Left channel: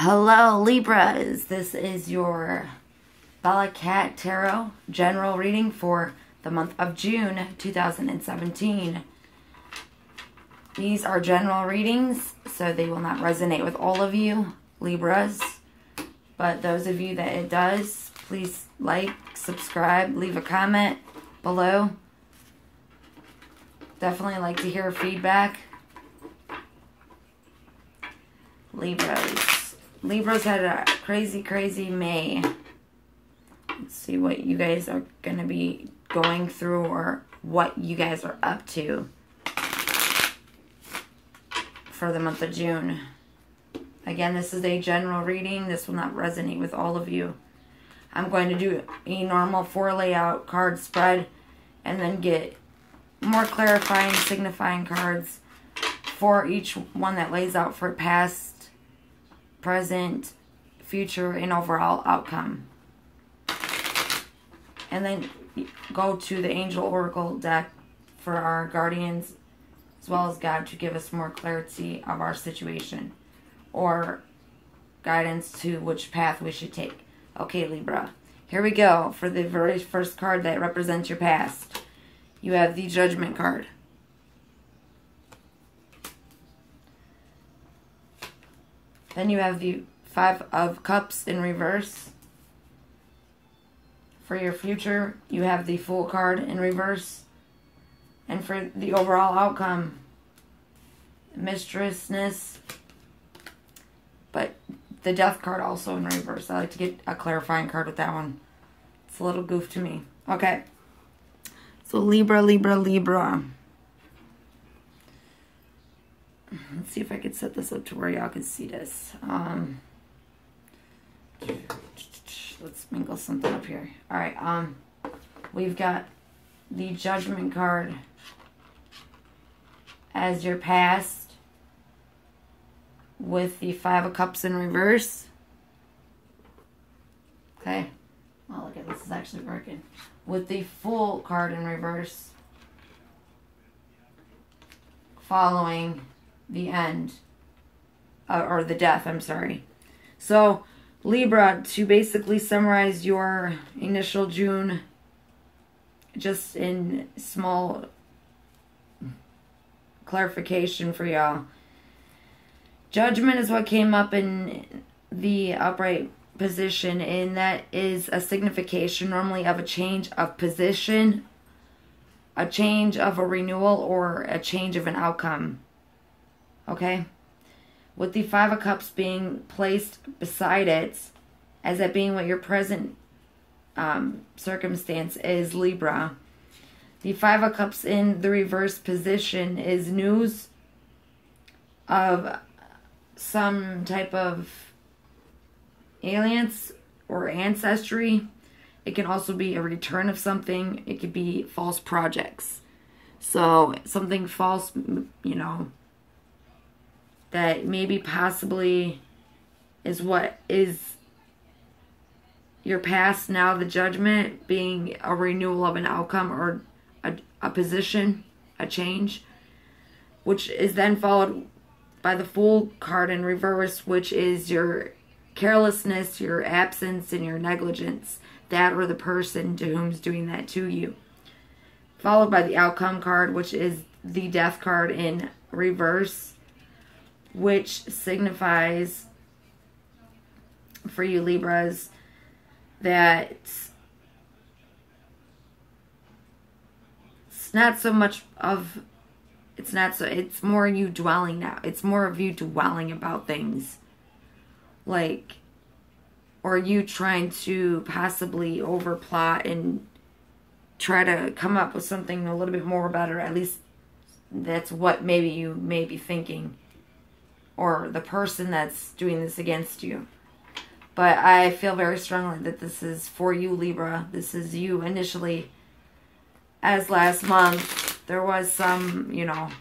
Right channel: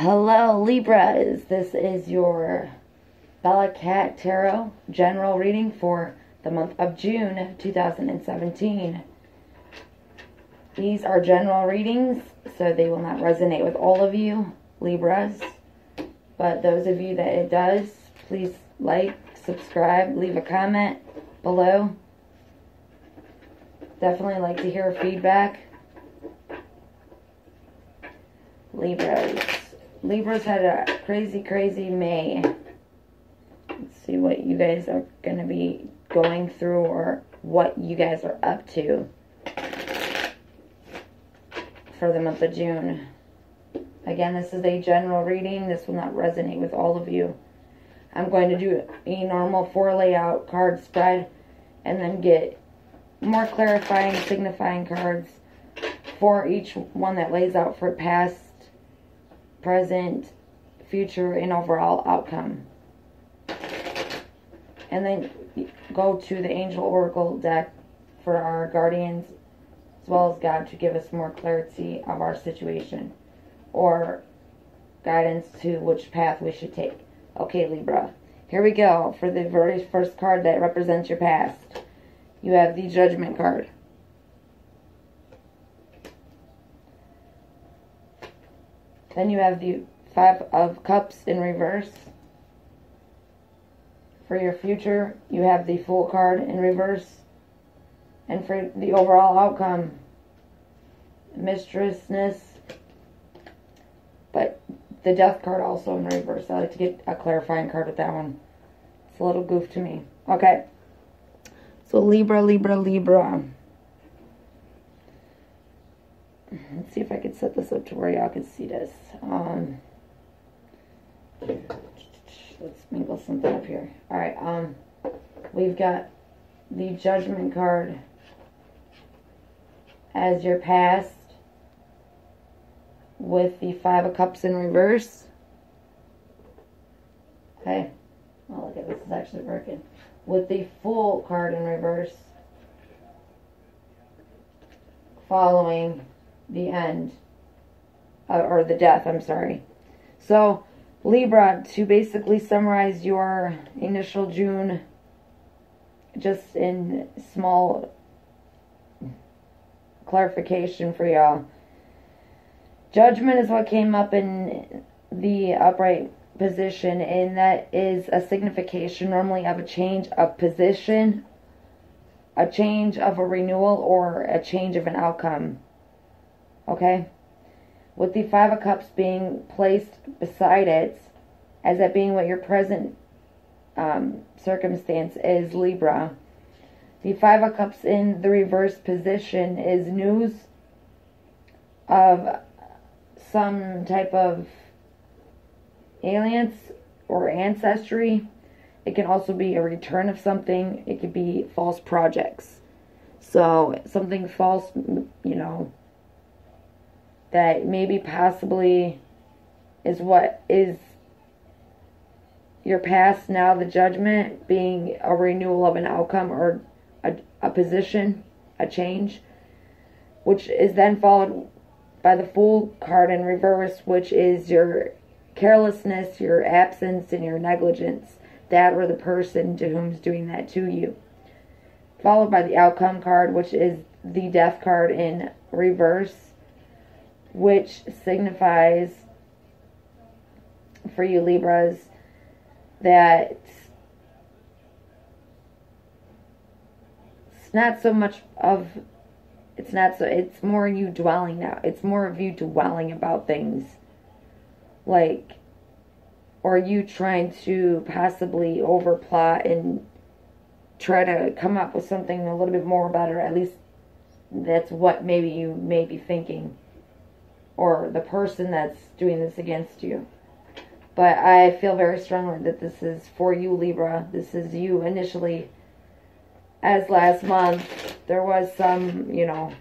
Hello Libras, this is your Bella Cat Tarot general reading for the month of June 2017. These are general readings, so they will not resonate with all of you Libras, but those of you that it does, please like, subscribe, leave a comment below. Definitely like to hear feedback. Libras had a crazy May. Let's see what you guys are going to be going through or what you guys are up to for the month of June. Again, this is a general reading. This will not resonate with all of you. I'm going to do a normal 4 layout card spread and then get more clarifying, signifying cards for each one that lays out for past, present, future, and overall outcome. And then go to the Angel Oracle deck for our guardians as well as God to give us more clarity of our situation or guidance to which path we should take. Okay, Libra, here we go for the very first card that represents your past. You have the Judgment card. Then you have the 5 of Cups in reverse. For your future, you have the Fool card in reverse. And for the overall outcome, Mistressless. But the Death card also in reverse. I like to get a clarifying card with that one. It's a little goof to me. Okay. So Libra. Let's see if I can set this up to where y'all can see this. Let's sprinkle something up here. Alright, we've got the Judgment card as your past with the 5 of Cups in reverse. Okay. Oh, look at this. It's actually working. With the Fool card in reverse. Following the end. Or the Death, I'm sorry. So, Libra, to basically summarize your initial June, just in small clarification for y'all. Judgment is what came up in the upright position, and that is a signification normally of a change of position, a change of a renewal, or a change of an outcome. Okay? With the 5 of Cups being placed beside it, as that being what your present circumstance is, Libra. The 5 of Cups in the reverse position is news of some type of aliens or ancestry. It can also be a return of something. It could be false projects. So something false, you know, that maybe possibly is what is your past, now the Judgment being a renewal of an outcome or a position, a change, which is then followed by the Fool card in reverse, which is your carelessness, your absence, and your negligence, that or the person to whom's doing that to you. Followed by the Outcome card, which is the Death card in reverse, which signifies for you Libras that it's not so much of, it's more you dwelling now. It's more of you dwelling about things. Like, or you trying to possibly overplot and try to come up with something a little bit more better. At least that's what maybe you may be thinking. Or the person that's doing this against you. But I feel very strongly that this is for you, Libra. This is you initially. As last month, there was some, you know,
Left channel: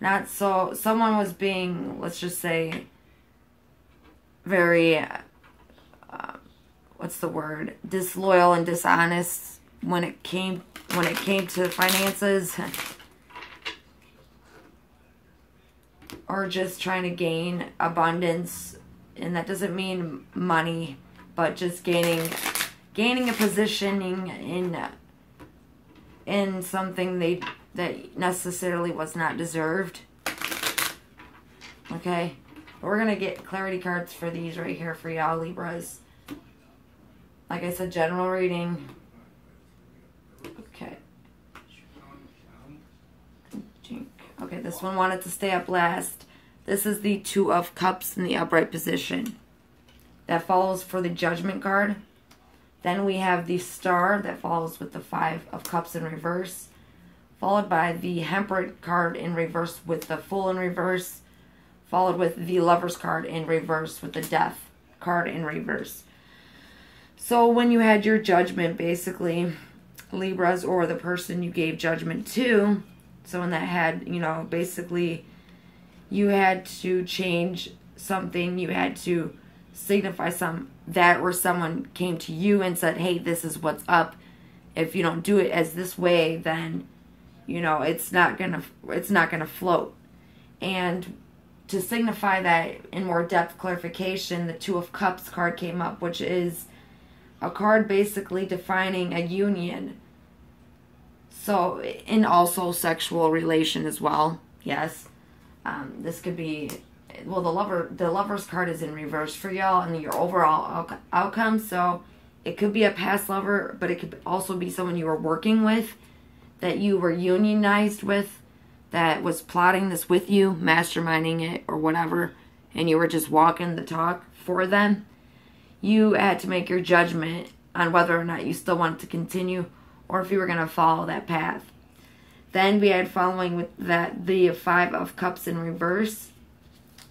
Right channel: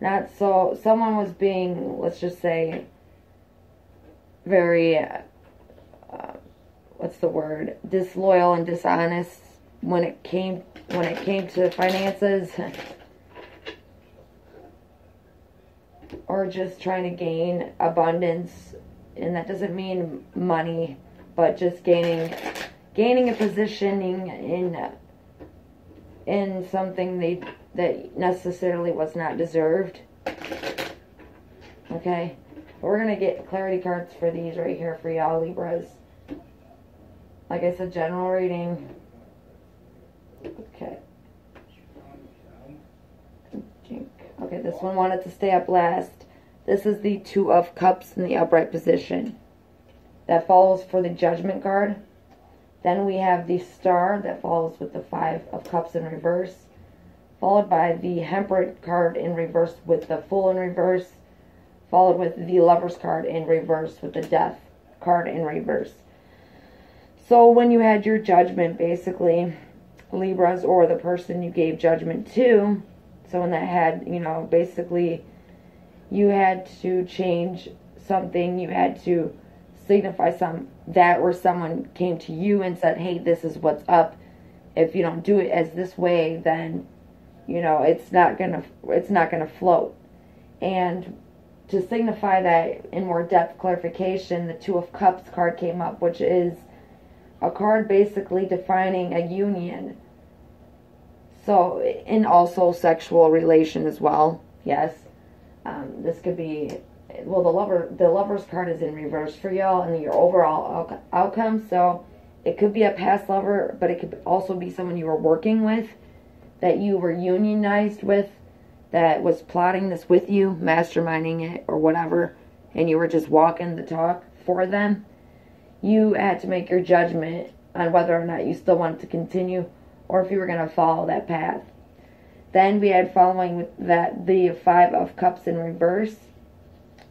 not so, someone was being, let's just say, very, what's the word, disloyal and dishonest when it came to finances. Or just trying to gain abundance and that doesn't mean money, but just gaining a positioning in something that necessarily was not deserved. Okay, we're gonna get clarity cards for these right here for y'all Libras. Like I said, general reading. Okay. Okay, this one wanted to stay up last. This is the Two of Cups in the upright position. That follows for the Judgment card. Then we have the Star that follows with the Five of Cups in reverse. Followed by the Temperance card in reverse with the Fool in reverse. Followed with the Lovers card in reverse with the Death card in reverse. So when you had your judgment, basically, Libras, or the person you gave judgment to, someone that had, you know, basically you had to change something, you had to signify that, or someone came to you and said, hey, this is what's up. If you don't do it as this way, then, you know, it's not gonna float. And to signify that in more depth clarification, the Two of Cups card came up, which is a card basically defining a union. So, in also sexual relation as well. Yes. This could be, well, the Lover's card is in reverse for y'all and your overall outcome. So, it could be a past lover, but it could also be someone you were working with, that you were unionized with, that was plotting this with you, masterminding it or whatever, and you were just walking the talk for them. You had to make your judgment on whether or not you still wanted to continue or if you were going to follow that path. Then we had following with that the Five of Cups in reverse,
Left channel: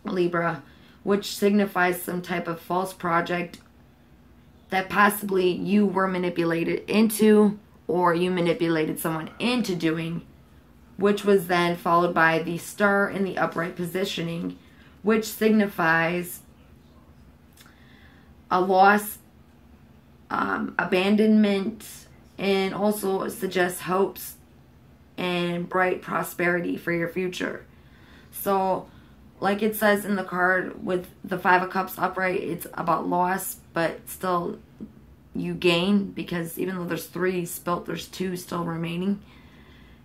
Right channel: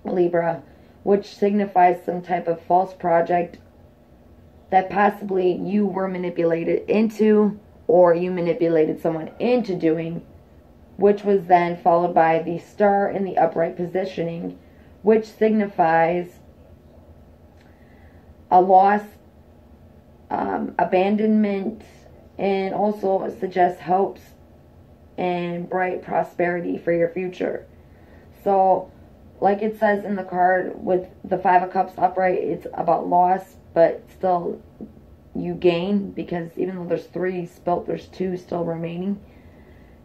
Libra, which signifies some type of false project that possibly you were manipulated into, or you manipulated someone into doing, which was then followed by the Star in the upright positioning, which signifies a loss, abandonment, and also suggests hopes and bright prosperity for your future. So, like it says in the card with the Five of Cups upright, it's about loss, but still you gain, because even though there's 3 spilt, there's 2 still remaining.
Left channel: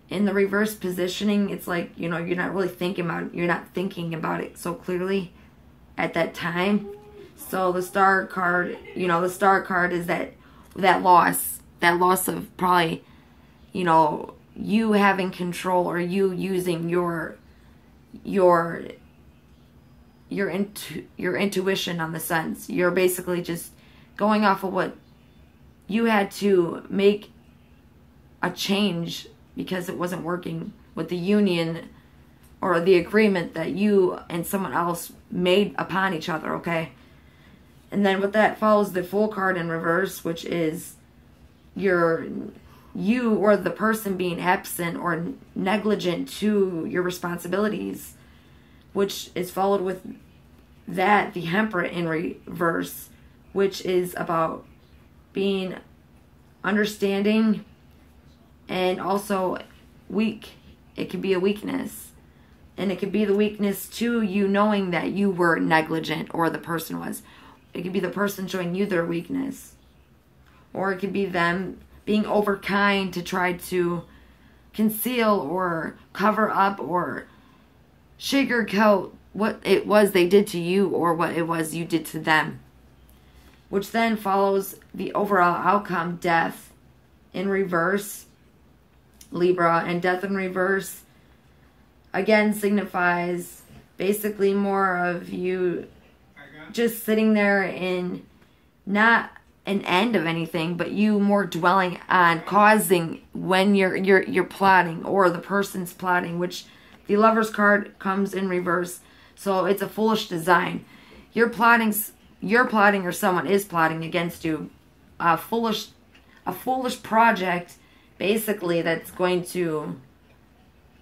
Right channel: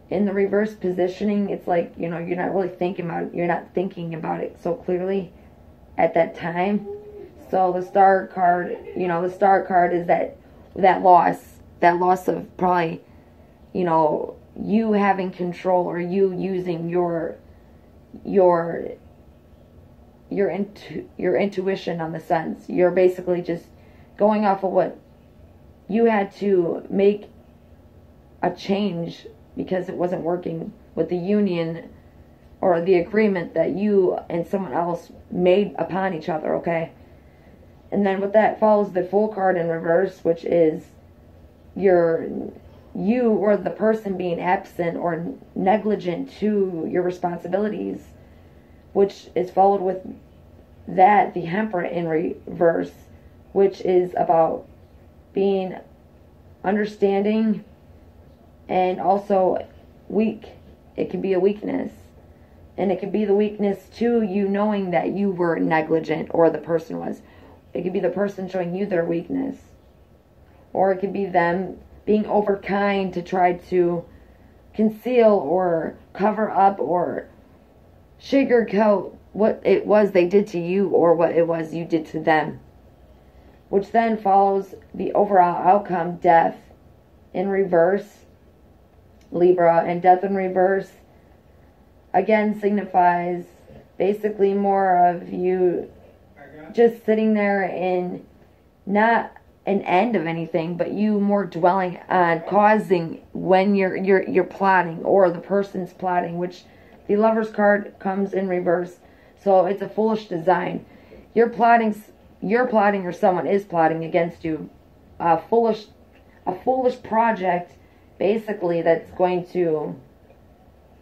In the reverse positioning, it's like, you know, you're not really thinking about it. You're not thinking about it so clearly at that time. So the Star card, you know, the Star card is that loss of probably, you know, you having control, or you using your intuition on the sense. You're basically just going off of what you had to make a change because it wasn't working with the union or the agreement that you and someone else made upon each other, okay? And then with that follows the Fool card in reverse, which is you or the person being absent or negligent to your responsibilities, which is followed with that, the Temperance in reverse, which is about being understanding and also weak. It could be a weakness. And it could be the weakness to you knowing that you were negligent, or the person was. It could be the person showing you their weakness. Or it could be them being overkind to try to conceal or cover up or sugarcoat what it was they did to you, or what it was you did to them. Which then follows the overall outcome, Death in reverse, Libra. And Death in reverse again signifies basically more of you just sitting there in not an end of anything, but you more dwelling on causing when you're plotting, or the person's plotting, which the Lover's card comes in reverse. So it's a foolish design. You're plotting, or someone is plotting against you. A foolish project, basically, that's going to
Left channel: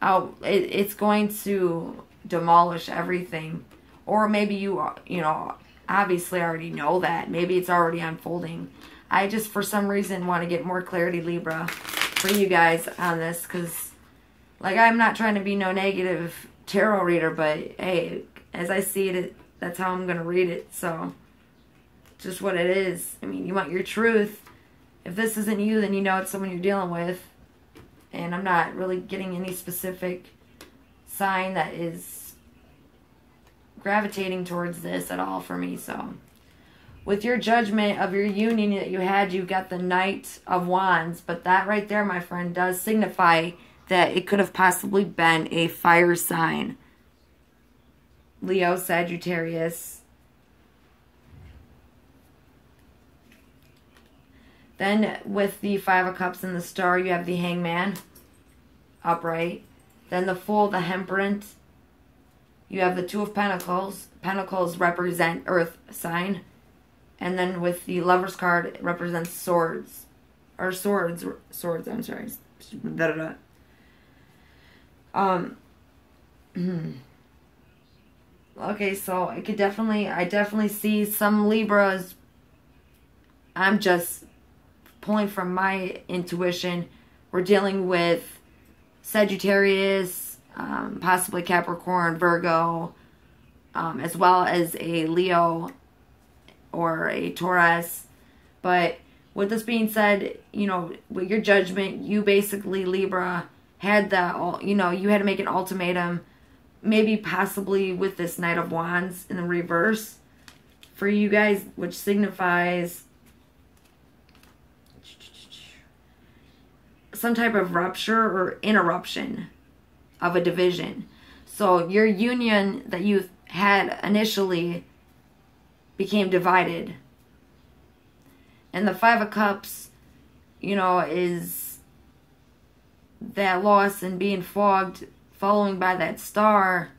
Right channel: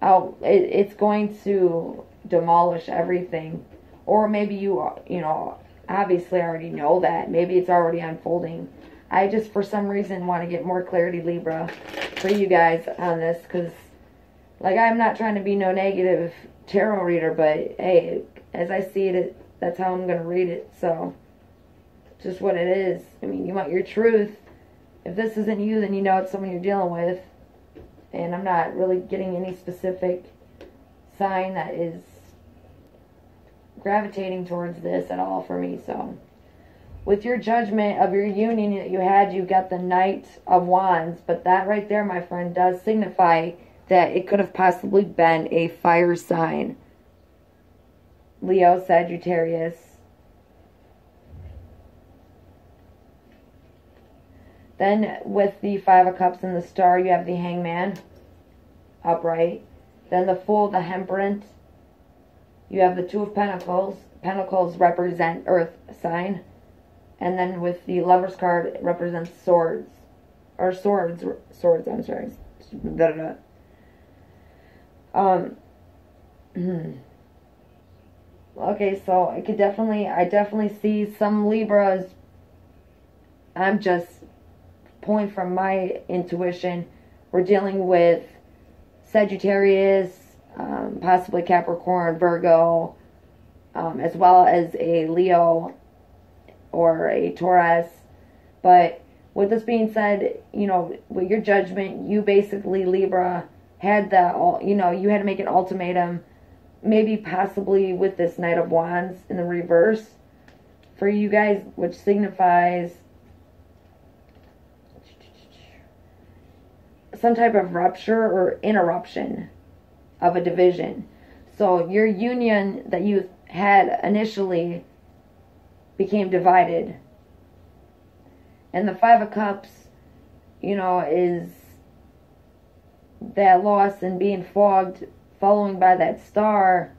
it's going to demolish everything. Or maybe you know, obviously already know that. Maybe it's already unfolding. I just, for some reason, want to get more clarity, Libra, for you guys on this. Because, like, I'm not trying to be no negative tarot reader. But, hey, as I see it, That's how I'm going to read it. So, just what it is. I mean, you want your truth. If this isn't you, then you know it's someone you're dealing with. And I'm not really getting any specific sign that is gravitating towards this at all for me. So, with your judgment of your union that you had, you got the Knight of Wands. But that right there, my friend, does signify that it could have possibly been a fire sign. Leo, Sagittarius. Then with the Five of Cups and the Star, you have the Hangman, upright. Then the Fool, the Temperance. You have the Two of Pentacles. Pentacles represent earth sign. And then with the Lover's card, it represents swords. Or swords, I'm sorry. Okay, so I definitely see some Libras. I'm just pulling from my intuition. We're dealing with Sagittarius, possibly Capricorn, Virgo, as well as a Leo or a Taurus. But with this being said, you know, with your judgment, you basically, Libra, had the, you know, you had to make an ultimatum, maybe possibly with this Knight of Wands in the reverse for you guys, which signifies some type of rupture or interruption of a division. So your union that you had initially became divided. And the Five of Cups, you know, is that loss and being fogged, following by that Star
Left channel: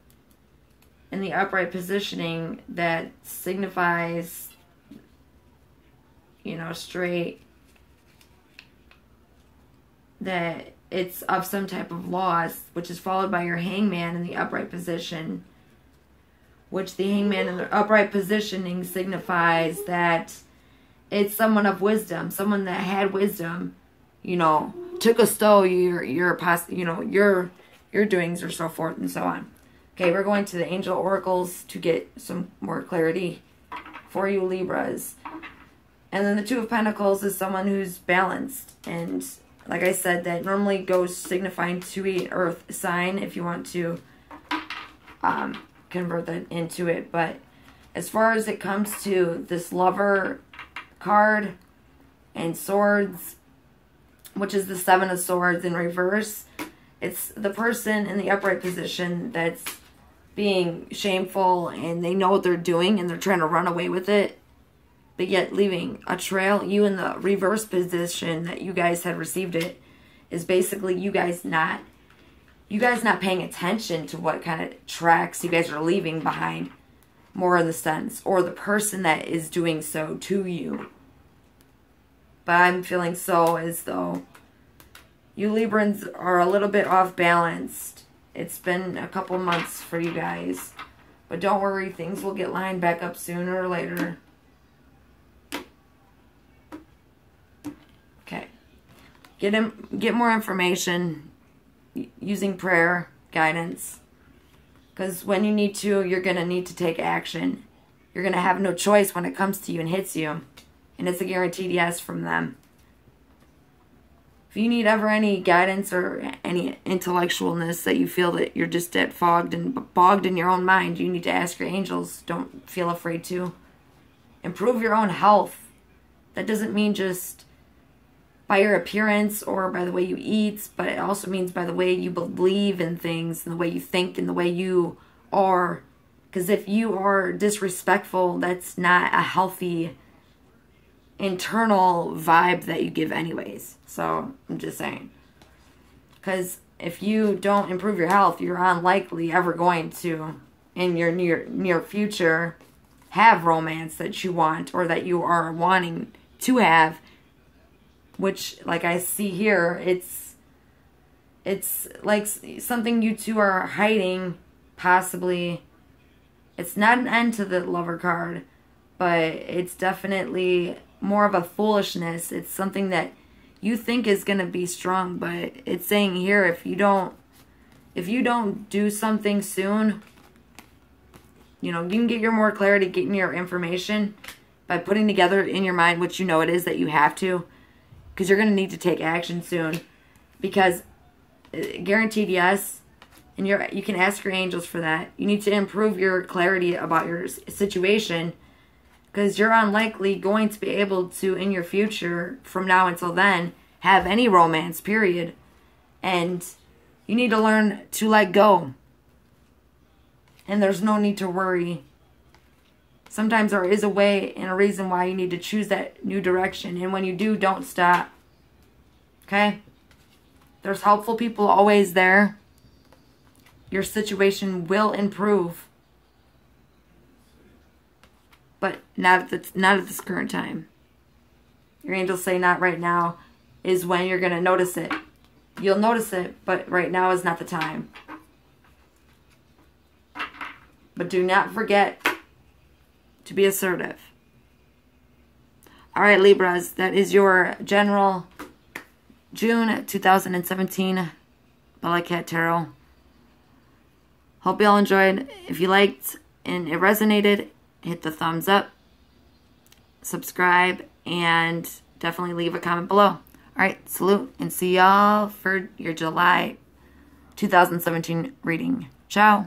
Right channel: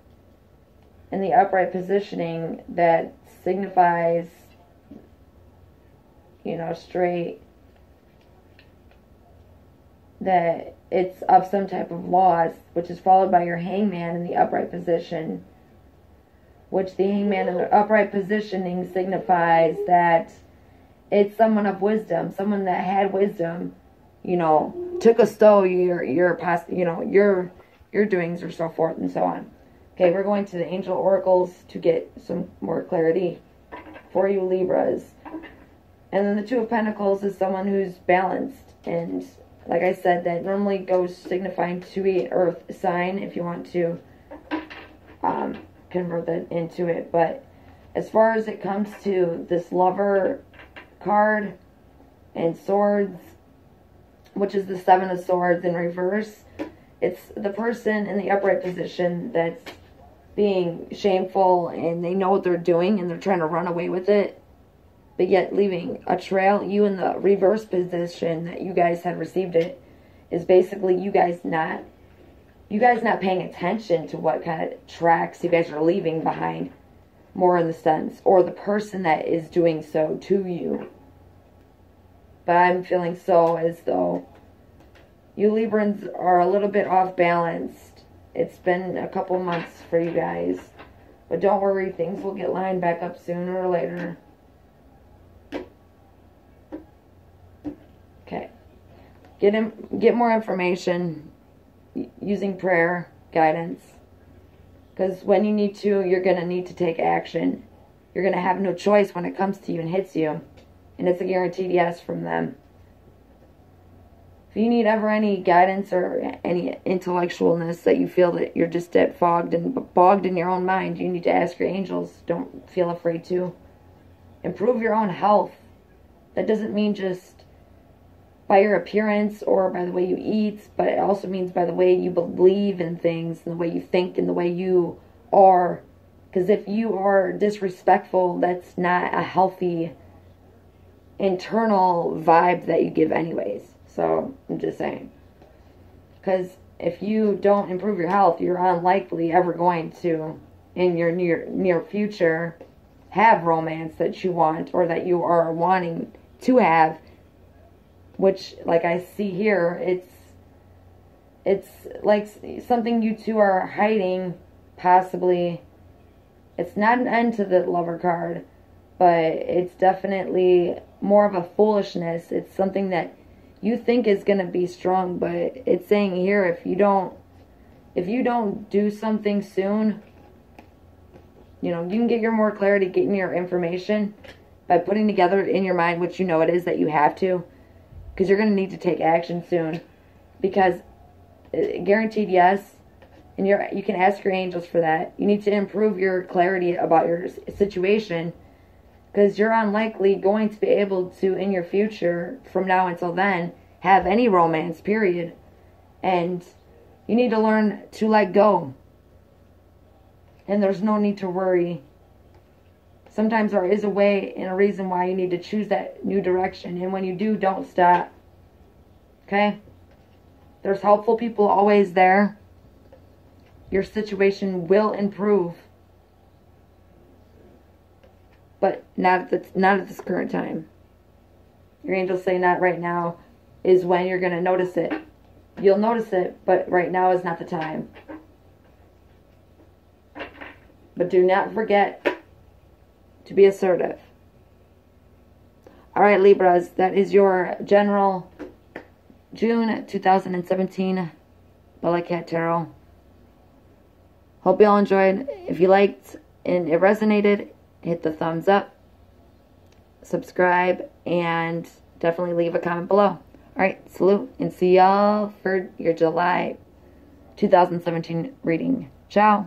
in the upright positioning that signifies, you know, straight, that it's of some type of loss, which is followed by your Hangman in the upright position, which the Hangman in the upright positioning signifies that it's someone of wisdom, someone that had wisdom, you know, took a stow your past, you know, your doings or so forth and so on. Okay, we're going to the angel oracles to get some more clarity for you Libras. And then the Two of Pentacles is someone who's balanced, and like I said, that normally goes signifying to an earth sign if you want to convert that into it. But as far as it comes to this Lover card and Swords, which is the Seven of Swords in reverse, it's the person in the upright position that's being shameful and they know what they're doing and they're trying to run away with it, but yet leaving a trail. You in the reverse position that you guys had received it is basically you guys not paying attention to what kind of tracks you guys are leaving behind, more in the sense, or the person that is doing so to you. But I'm feeling so as though you Librans are a little bit off balanced. It's been a couple months for you guys, but don't worry, things will get lined back up sooner or later. Okay, get more information using prayer, guidance, because when you need to, you're going to need to take action. You're going to have no choice when it comes to you and hits you, and it's a guaranteed yes from them. If you need ever any guidance or any intellectualness that you feel that you're just fogged and bogged in your own mind, you need to ask your angels. Don't feel afraid to. Improve your own health. That doesn't mean just by your appearance or by the way you eat, but it also means by the way you believe in things and the way you think and the way you are. Because if you are disrespectful, that's not a healthy internal vibe that you give anyways. So I'm just saying, because if you don't improve your health, you're unlikely ever going to in your near future have romance that you want or that you are wanting to have, which, like I see here, it's like something you two are hiding, possibly. It's not an end to the Lover card, but it's definitely more of a foolishness. It's something that you think is going to be strong, but it's saying here, if you don't do something soon, You know, you can get your more clarity, getting your information by putting together in your mind what you know it is that you have to. Because you're going to need to take action soon. Because guaranteed yes. And you can ask your angels for that. You need to improve your clarity about your situation. Because you're unlikely going to be able to, in your future, from now until then, have any romance, period. And you need to learn to let go. And there's no need to worry. Sometimes there is a way and a reason why you need to choose that new direction. And when you do, don't stop. Okay? There's helpful people always there. Your situation will improve. But not at this current time. Your angels say not right now is when you're going to notice it. You'll notice it, but right now is not the time. But do not forget to be assertive. All right, Libras, that is your general June 2017 Bella Cat Tarot. Hope you all enjoyed. If you liked and it resonated, hit the thumbs up, subscribe, and definitely leave a comment below. All right, salute, and see y'all for your July 2017 reading. Ciao.